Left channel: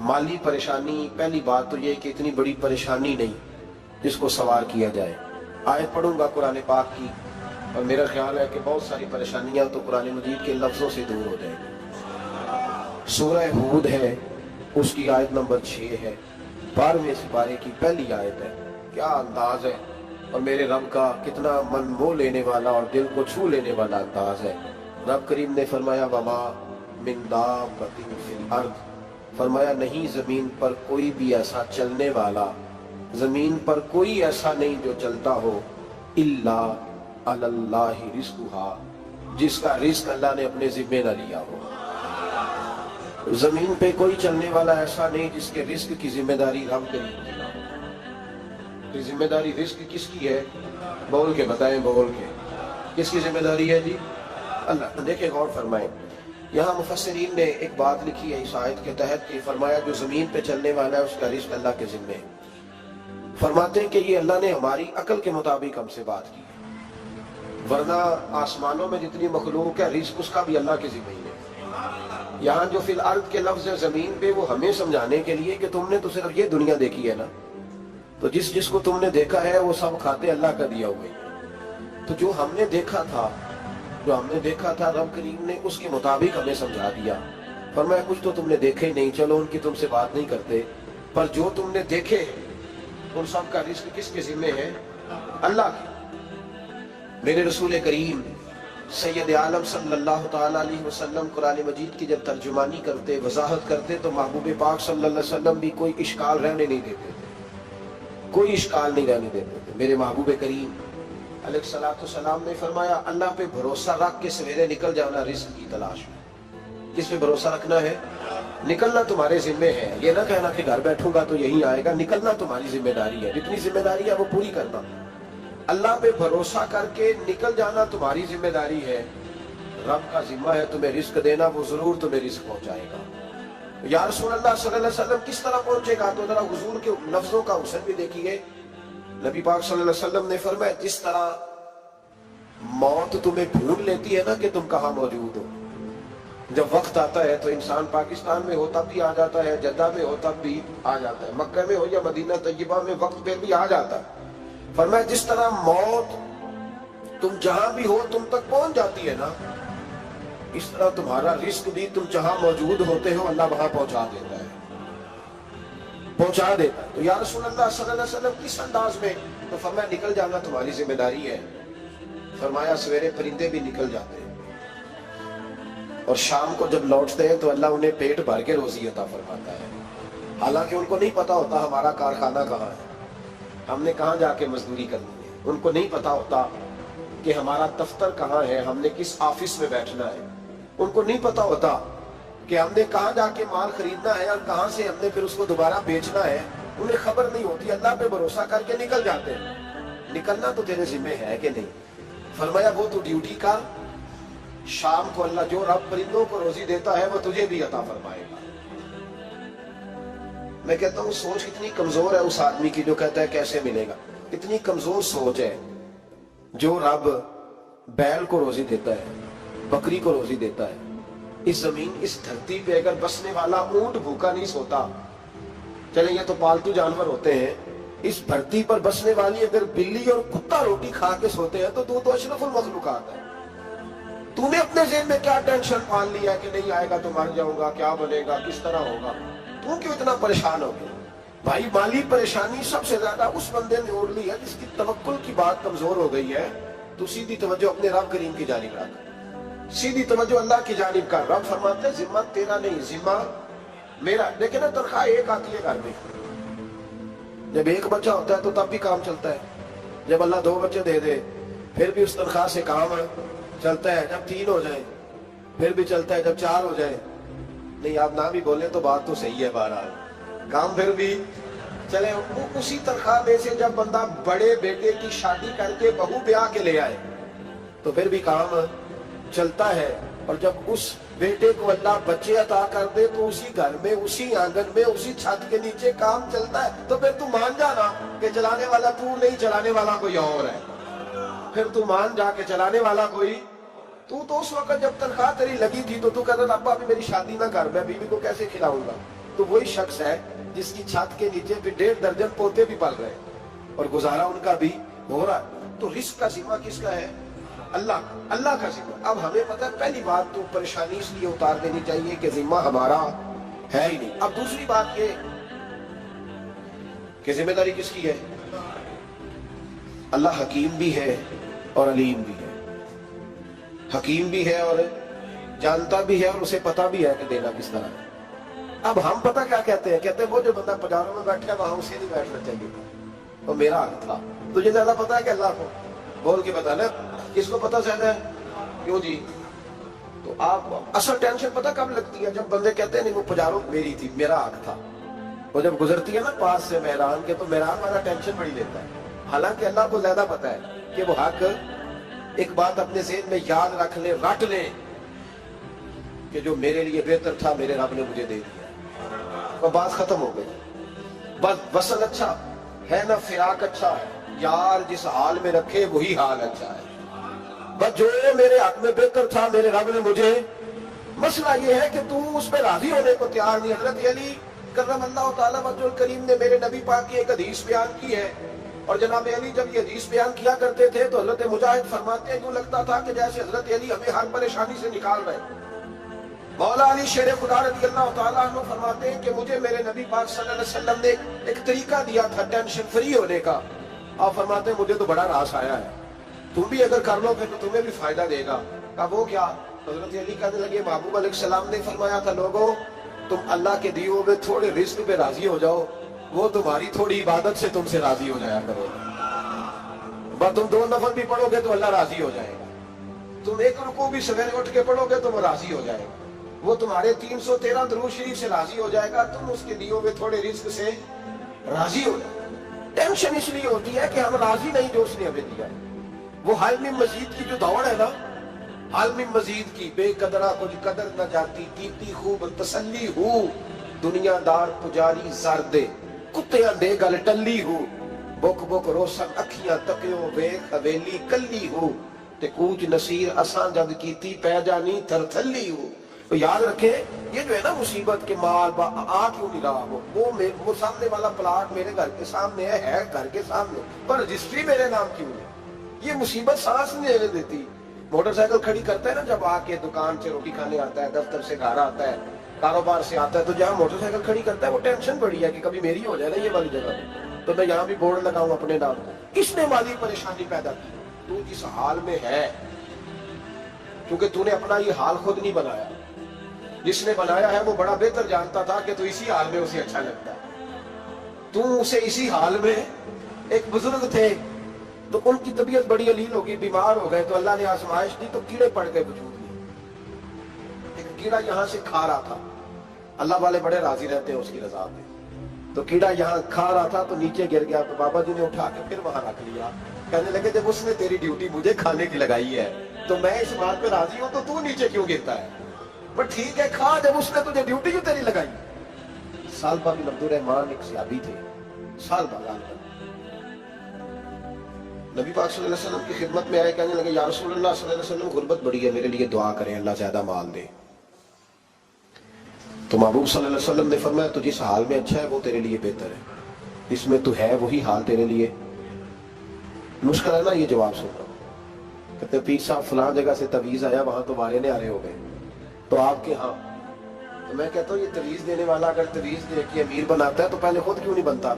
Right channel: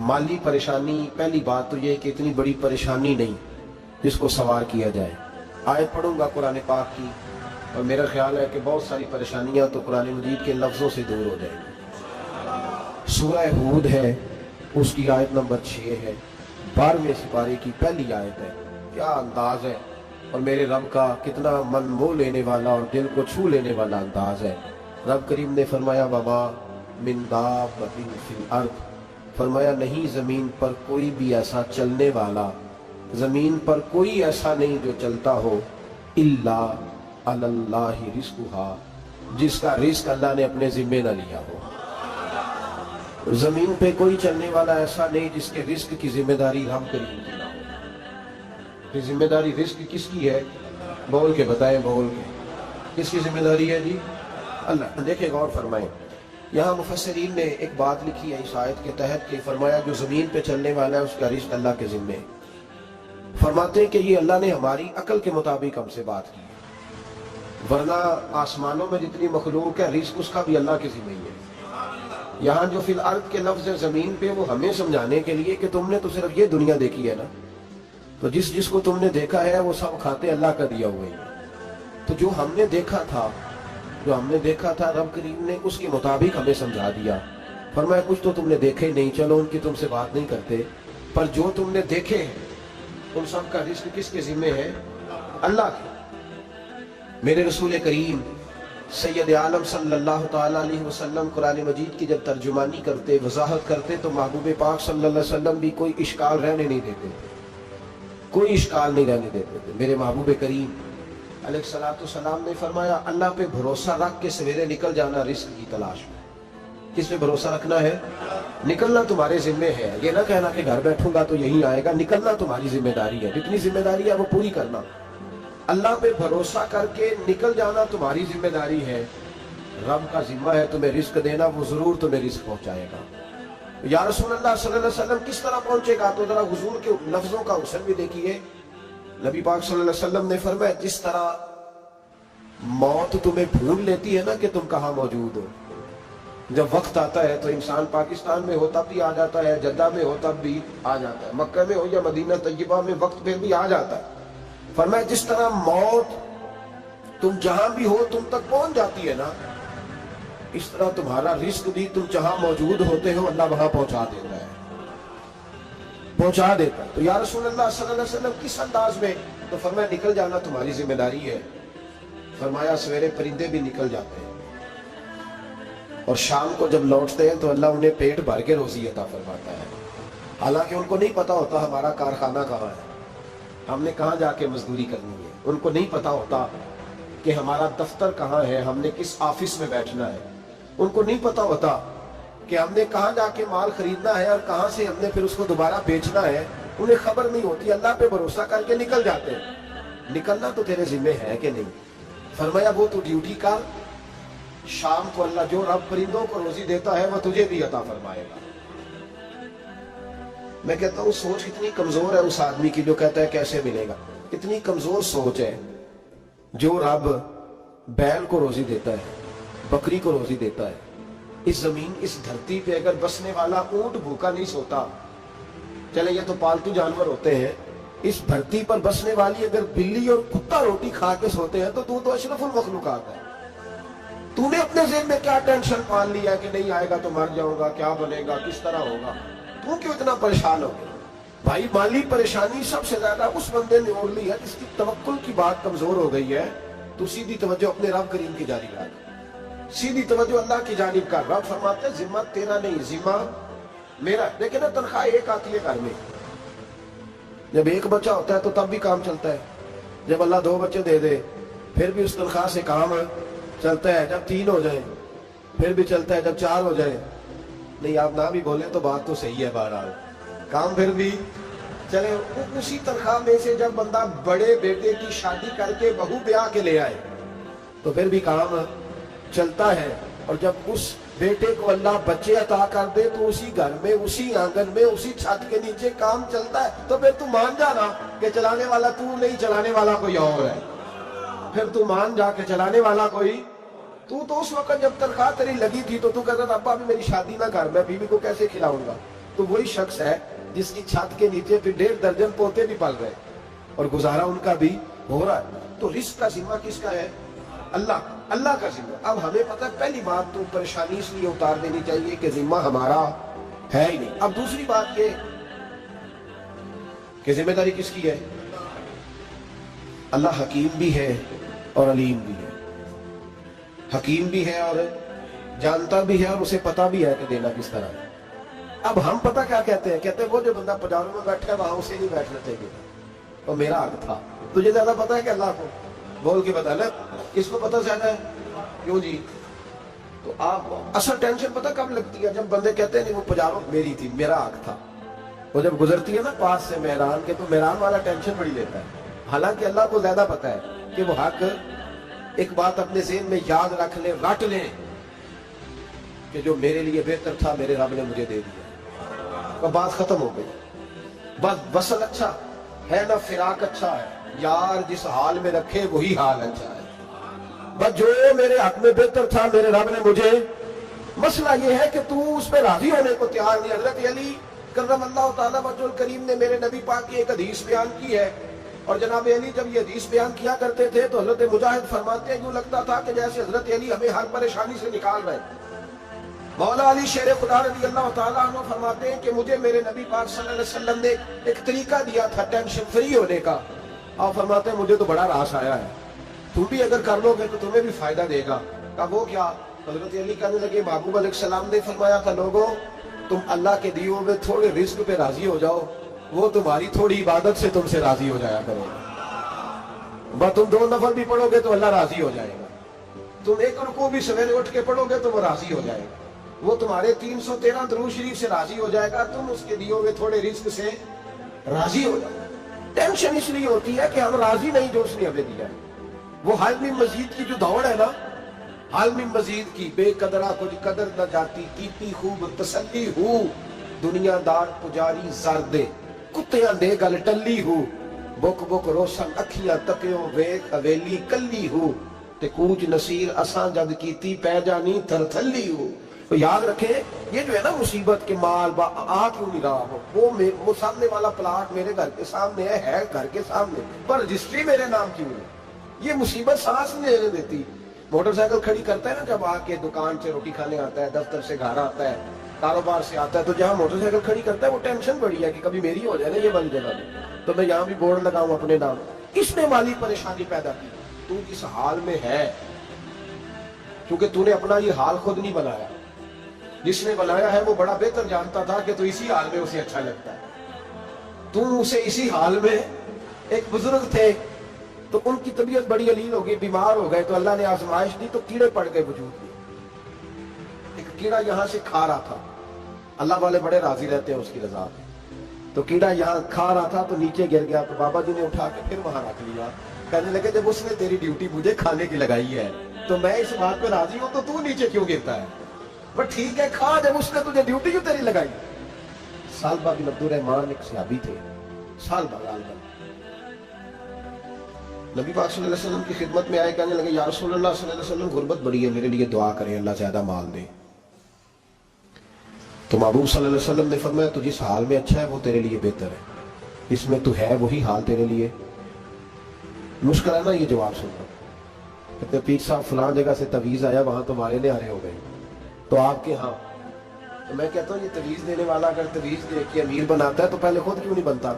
माली परेशानी, पहली बात तो ये कि इतनी बड़ी परेशानी नहीं जिसको सवार किया जाए। आयत पढ़ूंगा कुरान पाक की और मेरा ख्याल है कि बहुत सारी परेशानियां तो कुरान मजीद के लफ्जों से दूर हो जाएंगी। सूरह हूद है, उसकी आयत नंबर 6 है, 12वें सिपारे की पहली आयत है। क्या अंदाज है और मेरे रब का कितना मन मोह लेने वाला और दिल को छू लेने वाला अंदाज है। रब करीम ने फरमाया वमा मिन दाब्बतिन फिल अर्द, फरमाया नहीं जमीन पर कोई भी ऐसा चलने वाला, जमीन पर कोई ऐसा नहीं जो चलता हो, इल्ला अलल्लाहि रिज़्कुहा, जिसका रिस्क अल्लाह ने अपने जिम्मे न लिया हो। जमीन पे कोई चलने वाला ऐसा नहीं जिसके रिस्क की जिम्मेदारी रब करीम की ना हो। ये जिम्मेदारी रिस्क किसकी है? बोल के बताएं, बोल के किसकी जिम्मेदारी है जी? अल्लाह। देखिए गौर फरमाएं, यहाँ मुफस्सिरीन ने एक बात लिखी है इस आयत के तहत कि फरमाया जो जमीन पे चलने वाला है उसका रिस्क अल्लाह के जिम्मे। फरमाते हैं कि ये अल्लाह ने हमारी अकल के मुताबिक हमसे बात की है, वरना आसमानों में जितनी मखलूक है रिस्क उसका भी अल्लाह के जिम्मे ही है। यहाँ जो फिल अर्द के लफ्ज है जमीन पे, वो हमें समझाने के लिए कि तुमने तो सिर्फ ये दुनिया देखी है ना, तो जिसको तुमने देखा है वो सब खाते अल्लाह का दिया हुआ है। तो जो हमने देखा था रब करीम ने उसके मुताबिक हमें समझा दिया। फरमाया कुछ तो तुमने देखे ही नहीं, चलो उनकी तुमसे बात नहीं करते, पर जो तुमने देखे उन सब का रिस्क किसके जिम्मे है? अल्लाह के। मेरे रसूल करीम सैयद आलम सल्लल्लाहु ताला अलैहि वसल्लम कुरान मजीद की जब तर्जुमानी करते, वजाहत करते, तो महबूब पाक सल्लल्लाहु अलैहि वसल्लम भी कोई इश्काल रहने नहीं देते थे, कोई इश्काल नहीं रहने देते थे। मेरे महबूब करीम अलैहिस्सलातु सलाम ने फरमाया अल्लाह पे भरोसा रख के सवेरे निकल जाना रिस्क की तलाश में। किस पे भरोसा रखना है? निकलना तुम्हारे जिम्मे है। ये ना कहना कि घर बैठूंगा तो यही आएगा, निकलना तुम्हारी जिम्मेदारी है। जितनी जिम्मेदारी है वो पूरी करना। अल्लाह पे भरोसा करके निकल जाना तुम्हारी जिम्मेदारी है। रब का जिम्मा है तुम्हें रिस्क देना, वो जरूर तुम्हें रिस्क पहुंचाएगा। या रसूल अल्लाह सल्लल्लाहु अलैहि वसल्लम किस तरह पहुंचेगा? तो जरा हुजूर के लफ्जों का हुस्न भी देखिए। नबी पाक सल्लल्लाहु अलैहि वसल्लम ने फरमाया जिस तरह मौत तुम्हें ढूंढ लेती है ना कि तुम कहाँ मौजूद हो, जब वक्त आता है तो इंसान पाकिस्तान में हो तब भी आ जाता है, जद्दा में हो तब भी आ जाता है, मक्का में हो या मदीना तैयबा में वक्त फिर भी आ जाता है। फरमाया जिस तरह मौत तुम जहां भी हो तुम तक पहुंच जाती है ना, इस तरह तुम्हारा रिस्क भी तुम जहां मौजूद होते हो अल्लाह वहां पहुंचा देता है, पहुंचा देता। तो या रसूल अल्लाह सल्लल्लाहु अलैहि वसल्लम किस अंदाज में? तो फरमाया निकल जाना तुम्हारी जिम्मेदारी है। फरमाया सवेरे परिंदे भी निकल जाते हैं और शाम को जब लौटते हैं तो अल्लाह उन्हें पेट भर के रोजी अता फरमाता है। हालांकि उनको नहीं पता होता हमारा कारखाना कहाँ है, हमने कहाँ जाके मजदूरी करनी है। उनको नहीं पता होता कि हमारा दफ्तर कहाँ है, हमने किस ऑफिस में बैठना है। उनको नहीं पता होता कि हमने कहाँ जाके माल खरीदना है और कहाँ से हमने फिर उसको दोबारा बेचना है। उन्हें खबर नहीं होती। अल्लाह पे भरोसा करके निकल जाते हैं। निकलना तो तेरे जिम्मे है कि नहीं? फरमाया वो तो ड्यूटी का, शाम को अल्लाह जो रब परिंदों को रोजी देता है वो तुझे भी अता फरमाएगा। मैं कहता हूँ सोच कितनी कमजोर है उस आदमी की जो कहता है कैसे मिलेगा। कितनी कमजोर सोच है। जो रब बैल को रोजी देता है, बकरी को रोजी देता है, इस जमीन इस धरती पे अगर बसने वाला ऊंट भूखा नहीं सोता, चले ये तो पालतू जानवर होते हैं, इस धरती पर बसने वाली अगर बिल्ली और कुत्ता रोटी खा के सोते हैं तो तू तो अशरफुल मखलूकात है। तूने अपने ज़हन में क्या टेंशन पाल लिया कि नहीं आएगा तो मर जाऊंगा, क्या बनेगा, किस तरह होगा? तू क्यों इतना परेशान हो गया? भाई माली परेशानी सबसे ज्यादा उस बंदे ने ओढ़ ली है जिसकी तवक्कुल की बात कमजोर हो गई है। तू सीधी तवज्जो अपने रब करीम की जानिब रख, सीधी तवज्जो अल्लाह की जानिब कर। रब फरमाते हैं जिम्मा तेरा नहीं, जिम्मा मेरा। लेकिन तनख्वाह एक आती है घर में। जब एक बच्चा होता है तो तब भी काम चलता है, जब अल्लाह 2 बच्चे दे दे फिर भी उस तनख्वाह से काम चलता है, जब 3 हो जाए फिर भी चलता है, जब 4 हो जाए। नहीं आप ना भी बोले तो बात तो सही है, बहरहाल काम फिर भी चले। उसी तनख्वाह में से जब बंदा बड़े बेटे की शादी करके बहू ब्याह के ले आए तो फिर भी काम चलता है। और जब उस बेटे को अल्लाह बच्चे अता कर दे तो उसी घर में, उसी आंगन में, उसी छत के नीचे काम चलता है। तो फिर तू मान जाना कि चलाने वाला तू नहीं, चलाने वाला कोई और है। फिर तू मान जा के चलाने वाला कोई तू। तो उस वक्त जब तनख्वाह तेरी लगी थी तो तू कहता था अब्बा अभी मेरी शादी ना कर, मैं बीवी को कैसे खिलाऊंगा? तो वही शख्स है जिसकी छत के नीचे भी 1.5 दर्जन पोते भी पल रहे और गुजारा उनका भी हो रहा है। तो रिस्क का जिम्मा किसका है? अल्लाह का जिम्मा। अब हमें पता है, पहली बात तो परेशानी इसलिए उतार देनी चाहिए कि जिम्मा हमारा है ही नहीं। अब दूसरी बात ये कि जिम्मेदारी किसकी है? अल्लाह हकीम भी है और अलीम भी है। हकीम भी है और जानता भी है और उसे पता भी है कि देना किस तरह है। अब हम पता क्या कहते हैं? कहते हैं वो जो बंदा पजारों में बैठा है वहां उसे नहीं बैठना चाहिए था, और मेरा हक था। तुझे ज्यादा पता है कि अल्लाह को? बोल के बताना, किसको पता ज्यादा है? क्यों जी? तो आप असल टेंशन पता कब लगती है? जब बंदे कहते हैं नहीं वो पजारों मेरी थी, मेरा हक था। वो जब गुजरती है ना पास से मेहरान के, तो मेहरान वाला टेंशन बड़ी लेता है। हालांकि अल्लाह को ज्यादा पता है कि वो हक, एक बात अपने ज़हन में याद रख ले, रट ले कि जो मेरे लिए बेहतर था मेरे रब ने मुझे दे दिया, और बात खत्म हो गई। बस वसल अच्छा है ना, फिराक अच्छा है, यार जिस हाल में रखे वही हाल अच्छा है। बस जो मेरे हक में बेहतर था मेरे रब ने मुझे, मसला ये है कि तू उस पर राजी होने को तैयार नहीं। हजरत अली कर्रमल्लाहु ताला वजहुल करीम ने मेरे नबी पाक की एक हदीस बयान की है, और जनाब अली जब ये हदीस बयान किया करते थे तो हजरत मुजाहिद फरमाते हैं यूं लगता था कि जैसे हजरत अली हमें हर परेशानी से निकाल रहे। मौला अली शेर खुदा रज़ी अल्लाह ताला अन्हु फरमाते हैं कि मुझे मेरे नबी पाक सल्लल्लाहु अलैहि वसल्लम ने एक तरीका दिया था टेंशन फ्री होने का। आप फरमाते हैं मुझे तो बड़ा रास आया है, तुम भी अगर कर लोगे तो तुम्हें भी फायदा देगा। कहा वो क्या? हजरत अली कहने लगे महबूब अलैहिस्सलाम ने फरमाया था, लोगों तुम अल्लाह के दिए हुए थोड़े रिस्क पे राजी हो जाओ, वो तुम्हारी थोड़ी इबादत से तुमसे राजी हो जाया करो। बस तुम 2 नफल भी पढ़ोगे तो अल्लाह राजी हो जाएगा, तुम एक रुकू भी सवेरे उठ के पढ़ोगे तो वो राजी हो जाएगा, वो तुम्हारे 313 दुरूद शरीफ से राजी हो जाएगा, तुम उसके दिए हुए थोड़े रिस्क से राजी हो जाएगा। टेंशन इसलिए होती है कि हम राजी नहीं जो उसने हमें दिया है। वो हाल में मजीद की जो दौड़ है ना, हाल में मजीद की, बेकदरा कुछ कदर न जाती, कीती खूब तसल्ली हूँ, दुनियादार पुजारी जरदे कुत्तियां दे गल टल्ली हूँ, बुक बुक रोशन अखियां तकियो वेख हवेली कल्ली हूँ, ते कूच नसीर असां जद कीती पै जानी थरथल्ली हूँ। तो याद रखे, ये जो है ना मुसीबत के माल आ क्यों नहीं रहा, वो सामने वाला प्लाट मेरे घर के सामने है घर के सामने, पर रजिस्ट्री मेरे नाम क्यों है? ये मुसीबत सांस नहीं लेने देती। मोटरसाइकिल खड़ी करता है ना, जब आके दुकान से रोटी खाने आता है, दफ्तर से घर आता है, कारोबार से आता है, तो जहाँ मोटरसाइकिल खड़ी करता है वो टेंशन बड़ी है कि कभी मेरी हो जाए ना ये वाली जगह, तो मैं यहाँ भी बोर्ड लगाऊं अपने नाम। किसने माली परेशानी पैदा की? तू किस हाल में है, क्योंकि तूने अपना ये हाल खुद नहीं बनाया। जिसने बनाया है वो बड़ा बेहतर जानता था कि तू इसी हाल में उसे अच्छा लगता है। तू उसे इसी हाल में, एक बुजुर्ग थे तो उनकी तबीयत बड़ी अलील हो गई, बीमार हो गए, तो अल्लाह ने आजमाइश दी तो कीड़े पड़ गए वजूद में। एक कीड़ा यहाँ से खा रहा था, अल्लाह वाले बड़े राजी रहते हैं उसकी रजा में, तो कीड़ा यहाँ खा रहा था तो नीचे गिर गया, तो बाबा जी ने उठा के फिर वहां रख लिया। कहने लगे जब उसने तेरी ड्यूटी मुझे खाने की लगाई है तो मैं इस बात पे राजी हूं, तो तू नीचे क्यों गिरता है? पर ठीक है खा, जब उसने तुझे ड्यूटी क्यों तेरी लगाई। सालबा बिन अब्दुर्रहमान एक सहाबी थे, सालबा गालिबन नबी पाक सल्लल्लाहु अलैहि वसल्लम की खिदमत में आए, कहने लगे या रसूलुल्लाह सल्लल्लाहु अलैहि वसल्लम गुर्बत बड़ी है, मेरे लिए दुआ करें अल्लाह ज्यादा माल दे। तो महबूब सल्लल्लाहु अलैहि वसल्लम ने फरमाया तो जिस हाल में अच्छा है वो तेरे लिए बेहतर है, इसमें तू है वही हाल तेरे लिए मुश्किल है ना। ये जवाब सुन रहा हूं, कहते पीर साहब फलां जगह से तवीज आया, वहां तो मारे न्यारे हो गए, तो आपके हाँ। तो मैं कहता हूँ ये तवीज देने वाला अगर तवीज दे के अमीर बनाता है तो पहले खुद क्यों नहीं बनता?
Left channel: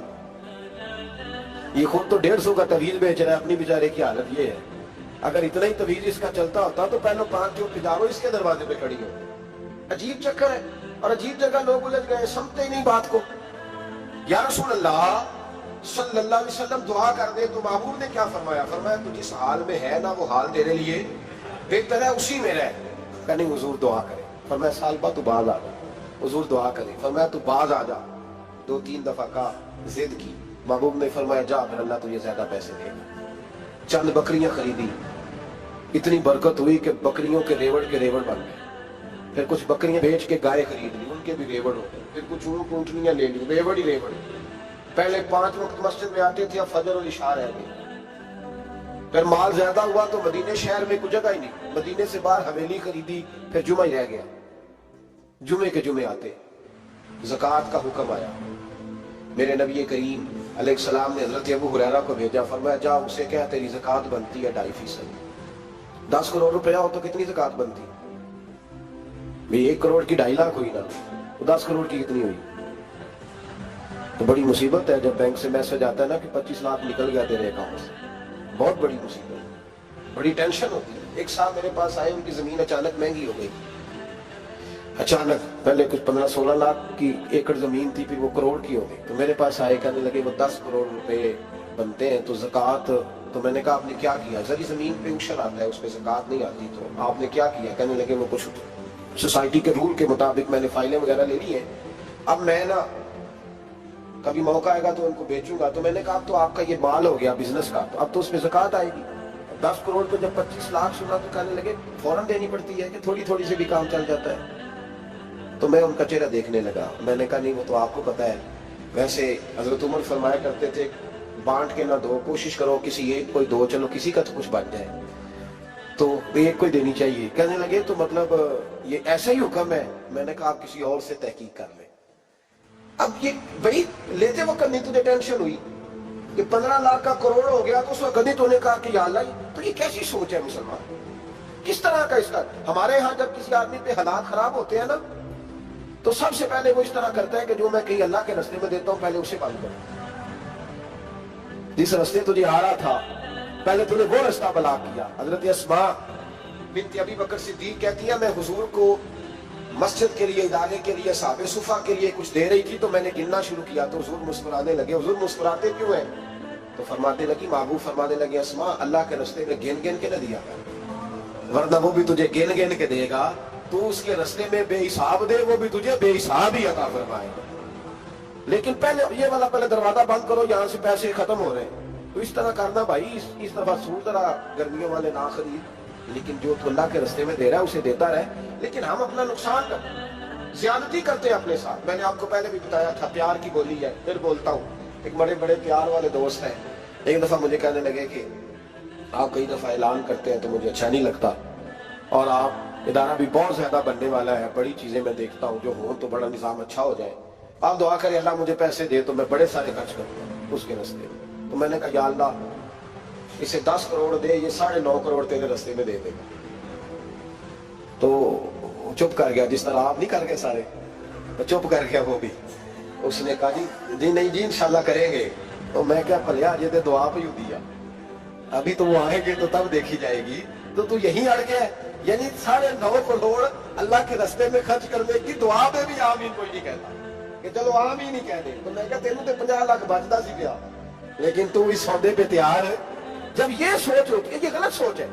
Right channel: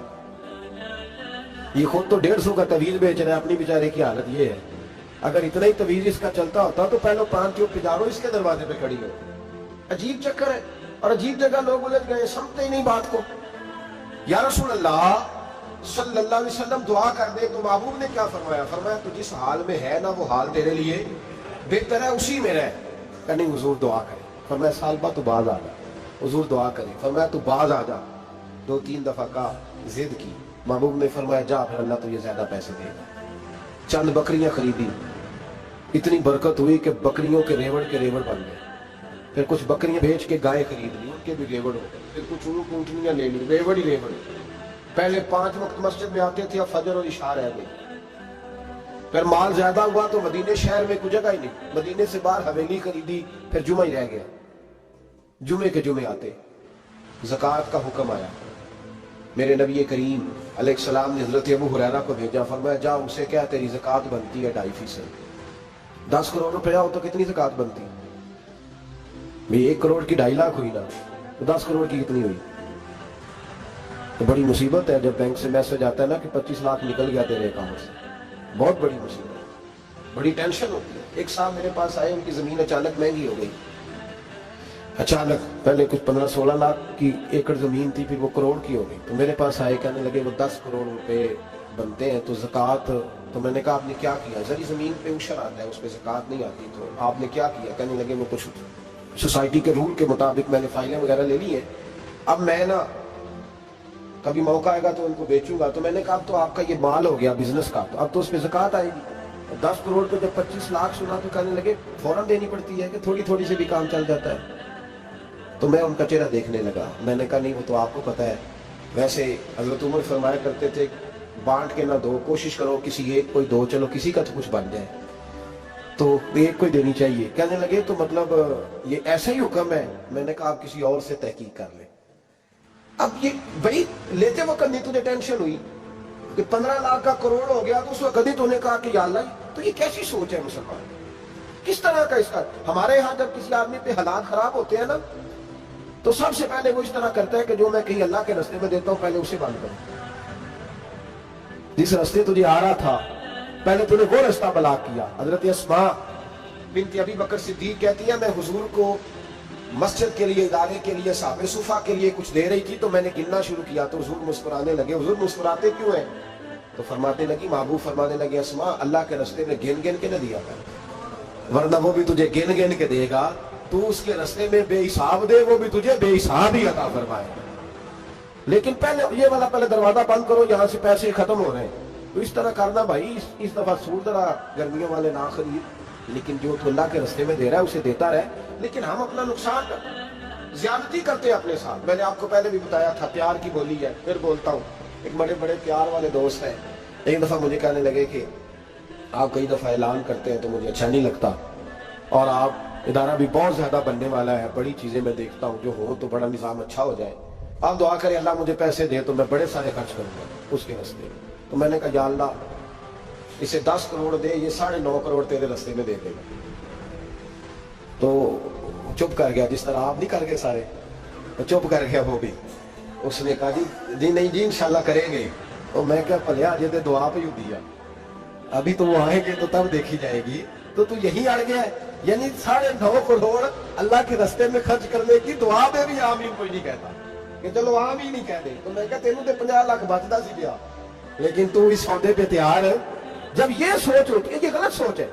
ये खुद तो 150 का तवीज बेच रहा है, अपनी बेचारे की हालत ये है। अगर इतना ही तवीज इसका चलता होता तो पहले 5 जो पिजारो इसके दरवाजे पे खड़ी हो। अजीब चक्कर है, और अजीब जगह लोग उलझ गए, समझते ही नहीं बात को। या रसूल अल्लाह सल्लल्लाहु अलैहि वसल्लम दुआ कर दे, तो महबूब ने क्या फरमाया? फरमाया तू जिस हाल में है ना वो हाल तेरे लिए बेहतर है, उसी में रह। कहनी हुजूर दुआ करे। फरमाया सालबा तू बाज आ जा। हुजूर दुआ करे। फरमाया तू बाज आ जा। 2-3 दफा का जिद की, महबूब ने फरमाया जा फिर अल्लाह तुझे ज्यादा पैसे देगा। चंद बकरियां खरीदी, इतनी बरकत हुई कि बकरियों के रेवड़ बन गए। फिर कुछ बकरियां बेच के गाय खरीद ली, उनके भी रेवड़ हो गए। फिर कुछ ऊँट ऊँटनियां ले ली, रेवड़ ही रेवड़। पहले 5 वक्त मस्जिद में आते थे, अब फजर और इशा रह गई। फिर माल ज्यादा हुआ तो मदीने शहर में कोई जगह ही नहीं, मदीने से बाहर हवेली खरीदी, फिर जुमा ही रह गया। जुमे के जुमे आते, ज़कात का हुक्म आया। मेरे नबी करीम अलैहिस्सलाम ने हज़रत अबू हुरैरा को भेजा, फरमाया जा उसे क्या तेरी ज़कात बनती है 2.5%। 10 करोड़ रुपया हो तो कितनी ज़कात बनती? भाई 1 करोड़ की 2.5 लाख हुई ना, तो 10 करोड़ की कितनी हुई? तो बड़ी मुसीबत है जब बैंक से मैसेज आता है ना कि 25 लाख निकल गया तेरे अकाउंट से। बहुत बड़ी मुसीबत, बड़ी टेंशन होती है। एक साहब मेरे पास आए, उनकी जमीन अचानक महंगी हो गई। अचानक पहले कुछ 15-16 लाख की एकड़ जमीन थी, फिर वो करोड़ की हो गई। तो मेरे पास आए, कहने लगे वो 10 करोड़ रुपए बनते हैं तो ज़कात। तो मैंने कहा आपने क्या किया? सारी जमीन पे उशर आता है, उस पर ज़कात नहीं आती, तो आपने क्या किया? कहने लगे वो कुछ सोसाइटी के रूल के मुताबिक मैंने फाइलें वगैरह ले ली है, अब मैं ना कभी मौका आएगा तो उनको बेचूंगा। तो मैंने कहा अब तो आपका ये माल हो गया बिजनेस का, तो अब तो उसमें ज़कात आएगी। 10 करोड़ को जब 25 लाख सुना तो कहने लगे फौरन देनी पड़ती है कि थोड़ी थोड़ी से भी काम चल जाता है? तो मैं उनका चेहरा देखने लगा। मैंने कहा नहीं, वो तो आपको पता है, वैसे हजरत उमर फरमाया करते थे बांट के ना दो, कोशिश करो किसी एक कोई दो, चलो किसी का तो कुछ बन जाए, तो एक कोई देनी चाहिए। कहने लगे तो मतलब ये ऐसा ही हुक्म है? मैंने कहा आप किसी और से तहकीक कर ले। अब ये भाई लेते वक्त नहीं तुझे टेंशन हुई कि 15 लाख का करोड़ हो गया, तो उस वक्त कभी तूने कहा कि या अल्लाह, तो ये कैसी सोच है मुसलमान? किस तरह का इसका? हमारे यहाँ जब किसी आदमी पे हालात खराब होते हैं ना, तो सबसे पहले वो इस तरह करता है कि जो मैं कहीं अल्लाह के रास्ते में देता हूं पहले उसे बंद करो। जिस रास्ते तुझे आ रहा था पहले तूने वो रास्ता ब्लॉक किया। हजरत अस्मा बिनत अबी बकर सिद्दीक कहती है मैं हुजूर को मस्जिद के लिए, इदारे के लिए, साहबे सुफा के लिए कुछ दे रही थी, तो मैंने गिनना शुरू किया तो हुजूर मुस्कुराने लगे। हुजूर मुस्कुराते क्यों है? तो फरमाते लगी, महबूब फरमाने लगे अस्मा अल्लाह के रास्ते में गिन गिन के न दिया कर, वरना वो भी तुझे गिन गिन के देगा। तू उसके रास्ते में बेहिसाब दे, वो भी तुझे बेहिसाब ही अता फरमाएगा। लेकिन पहले ये वाला पहले दरवाजा बंद करो, यहाँ से पैसे खत्म हो रहे हैं। तो इस तरह करना भाई। इस दफा सूट जरा गर्मियों वाले ना खरीद, लेकिन जो तो अल्लाह के रास्ते में दे रहा है उसे देता रहे, लेकिन हम अपना नुकसान कर ज्यादती करते हैं अपने साथ। मैंने आपको पहले भी बताया था प्यार की बोली है, फिर बोलता हूँ। एक बड़े बड़े प्यार वाले दोस्त हैं, एक दफा मुझे कहने लगे कि आप कई दफा ऐलान करते हैं तो मुझे अच्छा नहीं लगता, और आप इदारा भी बहुत ज्यादा बनने वाला है, बड़ी चीजें मैं देखता हूँ, जो हो तो बड़ा निजाम अच्छा हो जाए, आप दुआ करें अल्लाह मुझे पैसे दे तो मैं बड़े सारे खर्च करूंगा उसके रास्ते में। तो मैंने कहा या अल्लाह इसे 10 करोड़ दे, ये 9.5 करोड़ तेरे रास्ते में दे देगा। तो चुप कर गया, जिस तरह आप नहीं कर गए सारे, तो चुप कर गया वो भी। उसने कहा जी नहीं जी इंशाल्लाह करेंगे। तो मैं क्या भलिया अजय तो दुआ पे ही दिया, अभी तो वो आएंगे तो तब देखी जाएगी। तो तू यही अड़ गया है, यानी 9.5 करोड़ अल्लाह के रास्ते में खर्च करने की दुआ में भी आमीन कोई नहीं कहता कि चलो आमीन नहीं कह दे। तो मैं क्या तेनू तो 50 लाख बचता सी गया, लेकिन तू इस सौदे पे तैयार है। जब ये सोच होती है, ये गलत सोच है।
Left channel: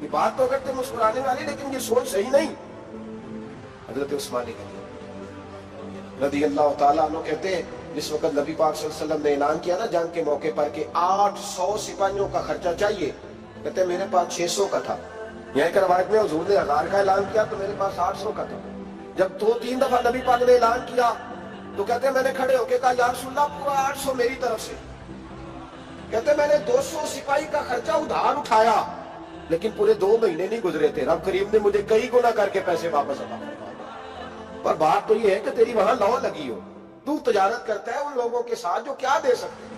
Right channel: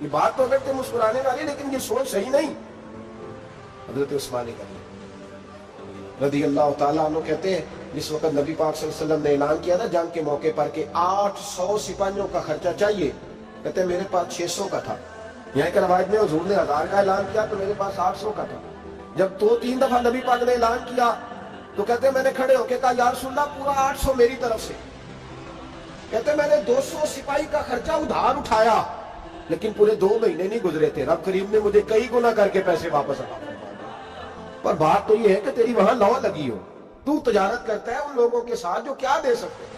ये बात तो करते मुस्कुराने वाली, लेकिन ये सोच सही नहीं। हजरत उस्मान रज़ी अल्लाह तआला अन्हु कहते हैं जिस वक्त नबी पाक सल्लल्लाहु अलैहि वसल्लम ने ऐलान किया ना जंग के मौके पर कि 800 सिपाहियों का खर्चा चाहिए, कहते हैं मेरे पास 600 का था। यहाँ की रवायत में हुजूर ने 1000 का ऐलान किया तो मेरे पास 800 का था। जब 2-3 दफा नबी पाक ने ऐलान किया तो कहते हैं मैंने खड़े होकर कहा या रसूलल्लाह पूरा 800 मेरी तरफ से। कहते हैं मैंने 200 सिपाही का खर्चा उधार उठाया, लेकिन पूरे 2 महीने नहीं गुजरे थे, रब करीम ने मुझे कई गुना करके पैसे वापस अता फरमाए। पर बात तो ये है कि तेरी वहां लौ लगी हो, तू तजारत करता है उन लोगों के साथ जो क्या दे सकते।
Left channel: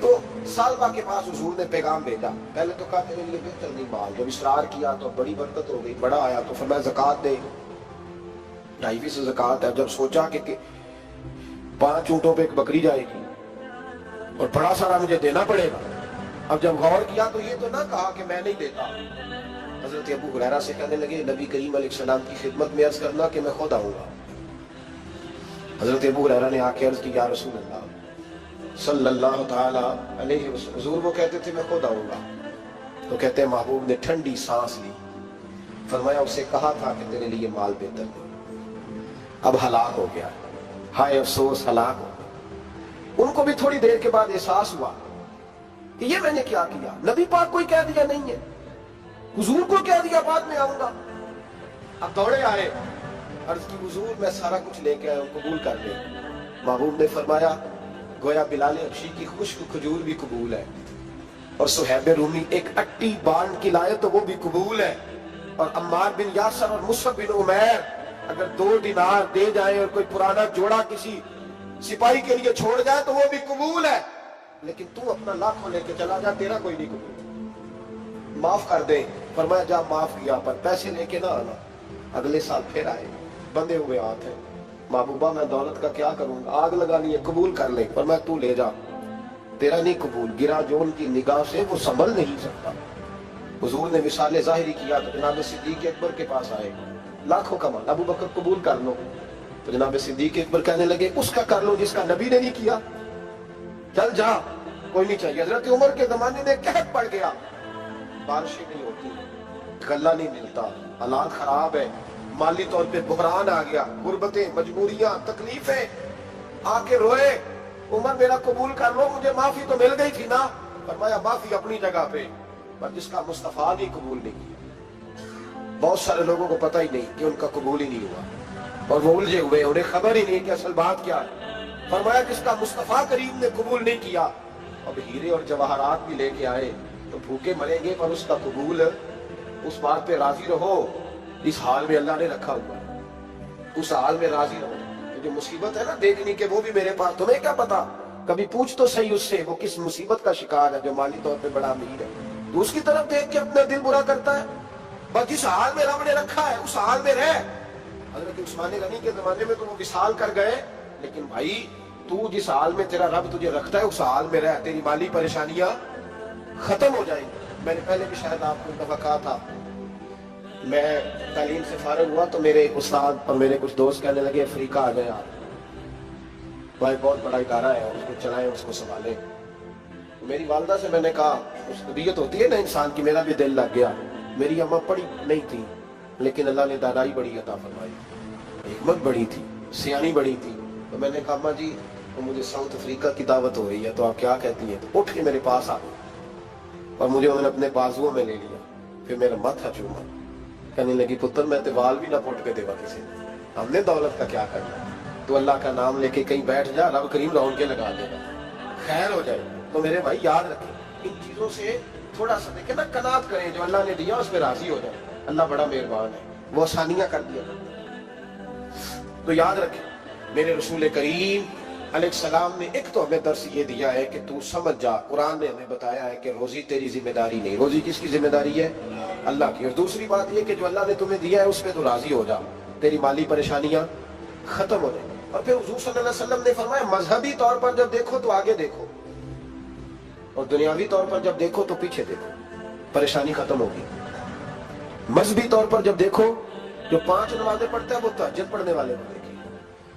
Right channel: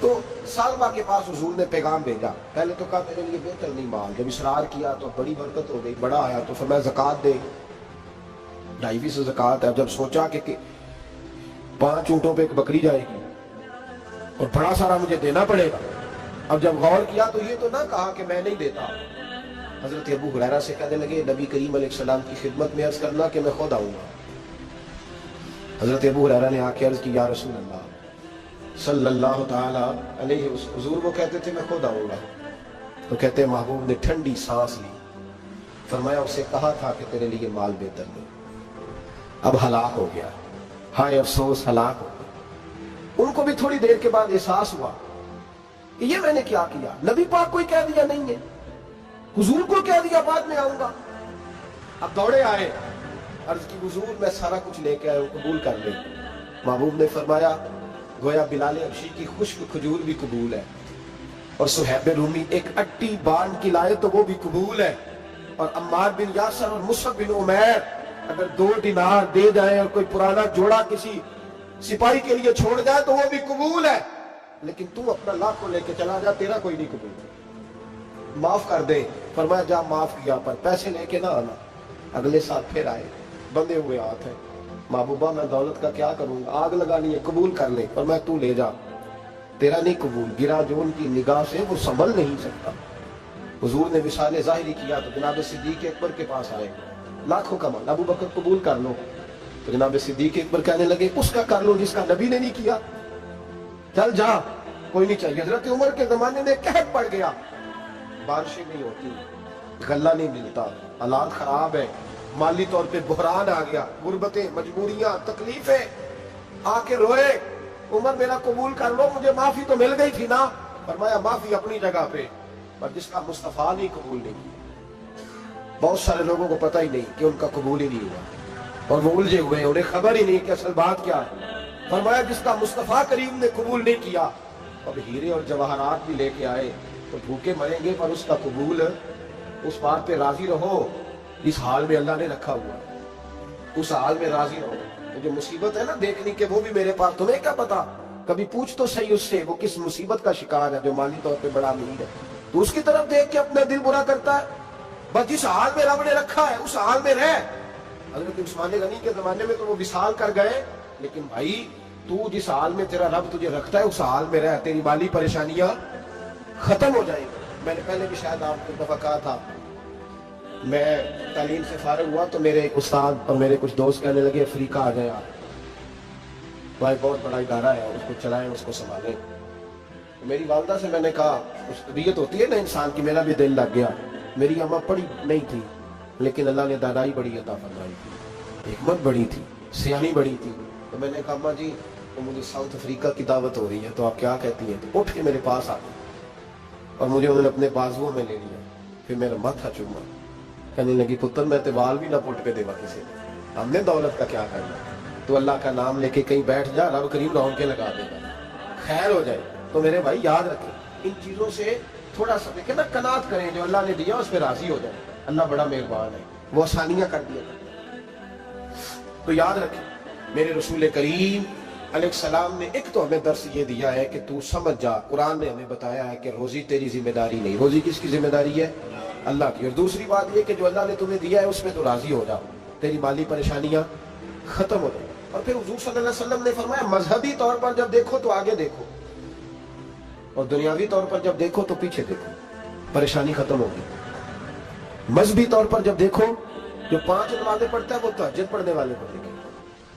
तो सालबा के पास हुजूर ने पैगाम भेजा। पहले तो कहा तेरे लिए बेहतर नहीं माल, जब इसरार किया तो बड़ी बरकत हो गई, बड़ा आया तो फरमाया ज़कात दे, 2.5 ज़कात है। जब सोचा कि 5 ऊंटों पे एक बकरी जाएगी और बड़ा सारा मुझे देना पड़ेगा, अब जब गौर किया तो ये तो ना कहा कि मैं नहीं देता। हजरत अबू हुरैरा से कहने लगे नबी करीम अलैहिस्सलाम की खिदमत में अर्ज करना कि मैं खुद आऊंगा। हजरत अबू हुरैरा ने आके अर्ज की या रसूल अल्लाह सल्लल्लाहु तआला अलैहि वसल्लम, हुजूर वो कहते थे मैं खुद आऊंगा। तो कहते हैं महबूब ने ठंडी सांस ली, फरमाया उसे कहा था कि तेरे लिए माल बेहतर नहीं, अब हलाक हो गया, हाय अफसोस हलाक हो गया। उनको भी थोड़ी देर के बाद एहसास हुआ कि ये मैंने क्या किया। नबी पाक कोई कह दिया नहीं है, हुजूर को कह दिया बाद में आऊंगा। अब दौड़े आए, अर्ज की हुजूर मैं सारा कुछ लेके आया हूं, कबूल कर ले। महबूब ने फरमाया गोया बिलाल हबशी की खुश्क खजूर भी कबूल है, और सुहैब रूमी एक अट्टी बांध की लाए तो वो भी कबूल है, और अम्मार बिन यासर और मुसअब बिन उमैर अगर 2 दिनार दे जाए और कोई पुराना जोड़ा किसी सिपाही के लिए छोड़ जाए तो वो भी कबूल है, लेकिन तू अपना लाखों लेके चला जा, तेरा कोई नहीं कबूल। माफ कर दे, फरमाया जा माफ किया, पर पैसे लेके ना आना। अगले साल फिर आए, बंधे हुए हाथ हैं, महबूबा मैं दौलत का क्या करूंगा, आग लगा ली है, कबूल कर ले। पर मैं तू ले जा, तेरा नहीं कबूल। गिरा जो उनकी निगाह से वो संभल नहीं सकता। हुजूर ने विसाले ज़ाहिरी किया तो जनाब सिद्दीक अकबर के पास आए, लाखों का माल, अबू बकर कबूल कर लो। तो जनाब सिद्दीक अकबर कहने लगे उसका कर लो जिसका नबी ने नहीं किया, चल जा, कोई नहीं चाहिए। हजरत उमर के जमाने में कहत पड़ गया, बारिशें नहीं होती, गल्ला नहीं मिलता, हालात खराब है, माली तौर पे बहरान आ गया, गुर्बतें, मजबूरियां, तकलीफें, आके रोए, उमर मेरा कबूल कर लो, मुझे माफी तो मिल गई थी ना। फरमाया माफी अपनी जगह पे, पर जिसका मुस्तफा नहीं कबूल नहीं किया। बहुत सारे लोगों को पता ही नहीं कि उनका कबूल ही नहीं हुआ और वो उलझे हुए, उन्हें खबर ही नहीं कि असल बात क्या है। फरमाया जिसका मुस्तफा करीम ने कबूल नहीं किया, अब हीरे और जवाहरात भी लेके आए तो भूखे मरेंगे, पर उसका कबूल, उस बात पे राजी रहो, इस हाल में अल्लाह ने रखा हुआ है, उस हाल में राजी रहो। जो मुसीबत है ना देखने के, वो भी मेरे पास, तुम्हें क्या पता, कभी पूछ तो सही उससे वो किस मुसीबत का शिकार है जो माली तौर पे बड़ा अमीर है, तो उसकी तरफ देख के अपना दिल बुरा करता है। बस जिस हाल में रब ने रखा है उस हाल में रह। हजरत उस्मान गनी के जमाने में तो वो विसाल कर गए, लेकिन भाई तू जिस हाल में तेरा रब तुझे रखता है उस हाल में रह, तेरी माली परेशानियां खत्म हो जाएंगी। मैंने पहले भी शायद आपको दफा कहा था, मैं तालीम से फारिग हुआ तो मेरे एक उस्ताद और मेरे कुछ दोस्त कहने लगे अफ्रीका आ जाए आप, भाई बहुत बड़ा इदारा है, उसको चलाएं, उसको संभालें। तो मेरी वालदा से मैंने कहा, उस तबीयत होती है ना इंसान की, मेरा भी दिल लग गया। मेरी अम्मा पढ़ी नहीं थी, लेकिन अल्लाह ने दादाई बड़ी अता फरमाई, हिकमत बड़ी थी, सियानी बड़ी थी। तो मैंने कहा अम्मा जी तो मुझे साउथ अफ्रीका की दावत हो रही है, तो आप क्या कहती हैं? तो उठ के मेरे पास आ गई और मुझे उन्होंने अपने बाजुओं में ले लिया, फिर मेरा माथा चूमा, कहने लगी पुत्र मैं तो वाल भी ना पुट पे देवा किसी ने, हमने दौलत का क्या करना, तो अल्लाह का नाम लेके कहीं बैठ जा, रब करीम रौन के लगा देगा, खैर हो जाए। तो मेरे भाई याद रखें, इन चीजों से थोड़ा सा देखें ना, कनात करें, जो अल्लाह ने दिया उस पर राजी हो जाए। अल्लाह बड़ा मेहरबान है, वो आसानियां कर दिया करता है। तो याद रखें, मेरे रसूल करीम अलैहिस्सलाम ने एक तो हमें दर्स ये दिया है कि तू समझ जा, कुरान ने हमें बताया है कि रोजी तेरी जिम्मेदारी नहीं, रोजी किसकी जिम्मेदारी है? अल्लाह की। और दूसरी बात ये कि जो अल्लाह ने तुम्हें दिया है उसमें तो राजी हो जा, तेरी माली परेशानियां खत्म हो जाए। और फिर हुजूर सल्लल्लाहु अलैहि वसल्लम ने फरमाया मजहबी तौर पर जब देखो तो आगे देखो, और दुनियावी तौर पर जब देखो तो पीछे देखो, परेशानी खत्म होगी। मजहबी तौर पर जब देखो, जो 5 नमाजें पढ़ता है वो तहज्जुद पढ़ने वाले को देखे,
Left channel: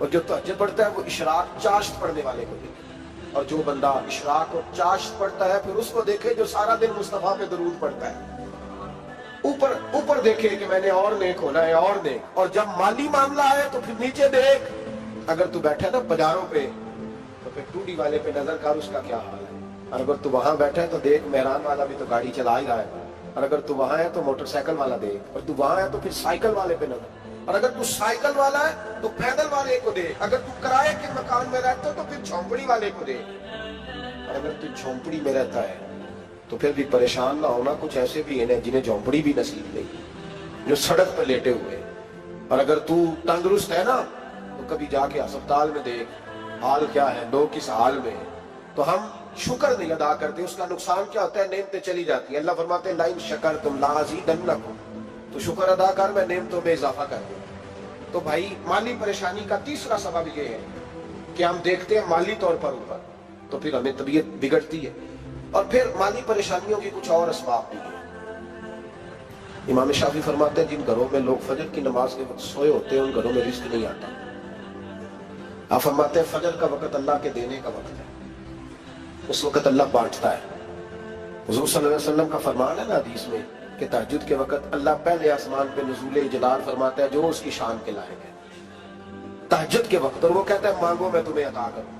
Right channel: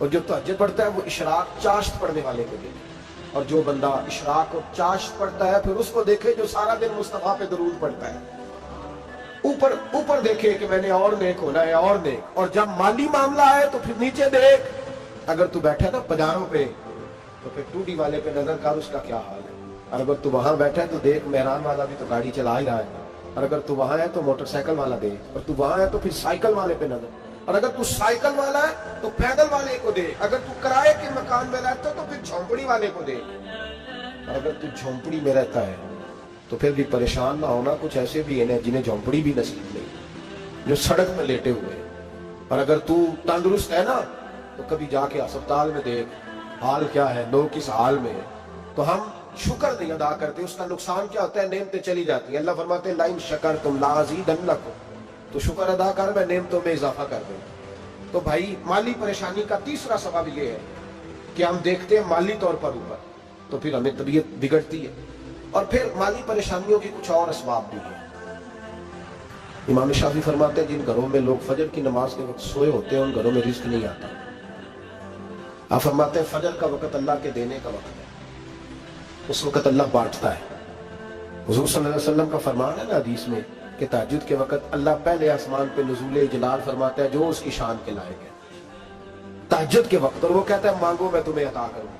और जो तहज्जुद पढ़ता है वो इशराक चाश्त पढ़ने वाले को देखे, और जो बंदा इशराक और चाश्त पढ़ता है फिर उसको देखे जो सारा दिन मुस्तफा पे दरूद पढ़ता है। ऊपर ऊपर देखे कि मैंने और नेक होना है, और नेक। और जब माली मामला है तो फिर नीचे देख, अगर तू बैठा है ना बाजारों पे तो फिर टूडी वाले पे नजर कर, उसका क्या हाल है। और अगर तू वहां बैठा है तो देख, मेहरान वाला भी तो गाड़ी चला ही रहा है। और अगर तू वहां है तो मोटरसाइकिल वाला देख, और तू वहां है तो फिर साइकिल वाले पे नजर, और अगर तू साइकिल वाला है तो पैदल वाले को देख, अगर तू किराए के मकान में रहता है तो फिर झोंपड़ी वाले को देख, और अगर तू झोंपड़ी में रहता है तो फिर भी परेशान ना होना, कुछ ऐसे भी है जिन्हें झोंपड़ी भी नसीब नहीं, जो सड़क पर लेटे हुए। और अगर तू तंदुरुस्त है ना तो कभी जाके अस्पताल में देख हाल क्या है, लोग किस हाल में। तो हम शुक्र नहीं अदा करते, उसका नुकसान क्या होता है, नेमतें चली जाती है। अल्लाह फरमाते हैं लाइन शकर तुम लाज़ीदन्नकुम, तो शुक्र अदा कर, मैं नेमतों में इजाफा कर दूं। तो भाई माली परेशानी का तीसरा सबब यह है कि हम देखते हैं माली तौर पर ऊपर, तो फिर हमें तबीयत बिगड़ती है। और फिर माली परेशानियों की कुछ और असबाब भी है। इमाम शाफी फरमाते हैं जिन घरों में लोग फजर की नमाज के वक्त सोए होते हैं उन घरों में रिस्क नहीं आता। आप फरमाते हैं फजर का वक्त अल्लाह के देने का वक्त है, उस वक्त अल्लाह बांटता है। हुजूर सल्लल्लाहु अलैहि वसल्लम का फरमान है ना हदीस में कि तहज्जुद के वक्त अल्लाह पहले आसमान पे नुज़ूल जलाल फरमाता है जो उसकी शान के लायक है तहज्जुद के वक्त, और वो कहता है मांगो मैं तुम्हें अता करूंगा।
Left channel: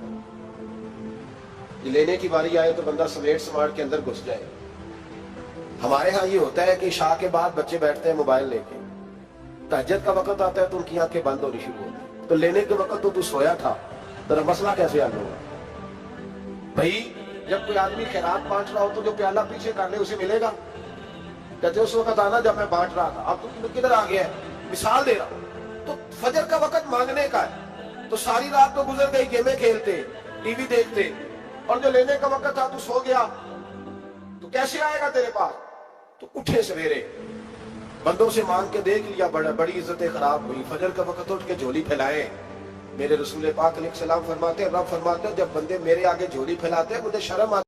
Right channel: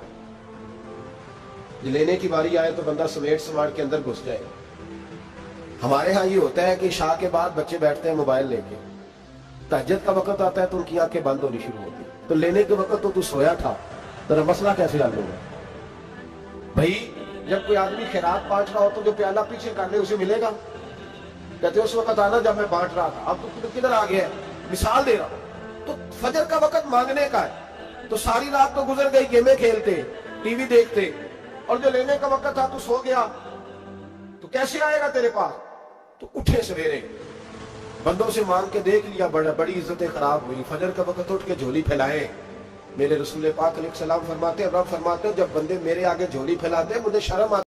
लेने की बारी आए तो बंदा समेट समाट के अंदर घुस जाए। हमारे यहाँ ये होता है कि शाह के बाद बच्चे बैठते हैं मोबाइल लेके, तहज्जुद का वक्त आता है तो उनकी आंखें बंद होनी शुरू होती, तो लेने के वक्त तो तू सोया था, तेरा मसला कैसे हल होगा भाई? जब कोई आदमी खैरात बांट रहा हो तो जो प्याला पीछे कर ले उसे मिलेगा? कहते उस वक्त आना जब मैं बांट रहा था, अब तो किधर आ गया है। मिसाल दे रहा हूं, तो फजर का वक्त मांगने का है, तो सारी रात तो गुजर गई गेमें खेलते, टीवी देखते, और जो लेने का वक्त था तू सो गया, तो कैसे आएगा तेरे पास? तो उठे सवेरे, बंदों से मांग के देख लिया, बड़ी इज्जतें खराब हुई। फजर का वक्त उठ के झोली फैलाए। मेरे रसूल पाक अलैहि सलाम फरमाते हैं, रब फरमाते हैं, जब बंदे मेरे आगे झोली फैलाते हैं मुझे शर्म आती है।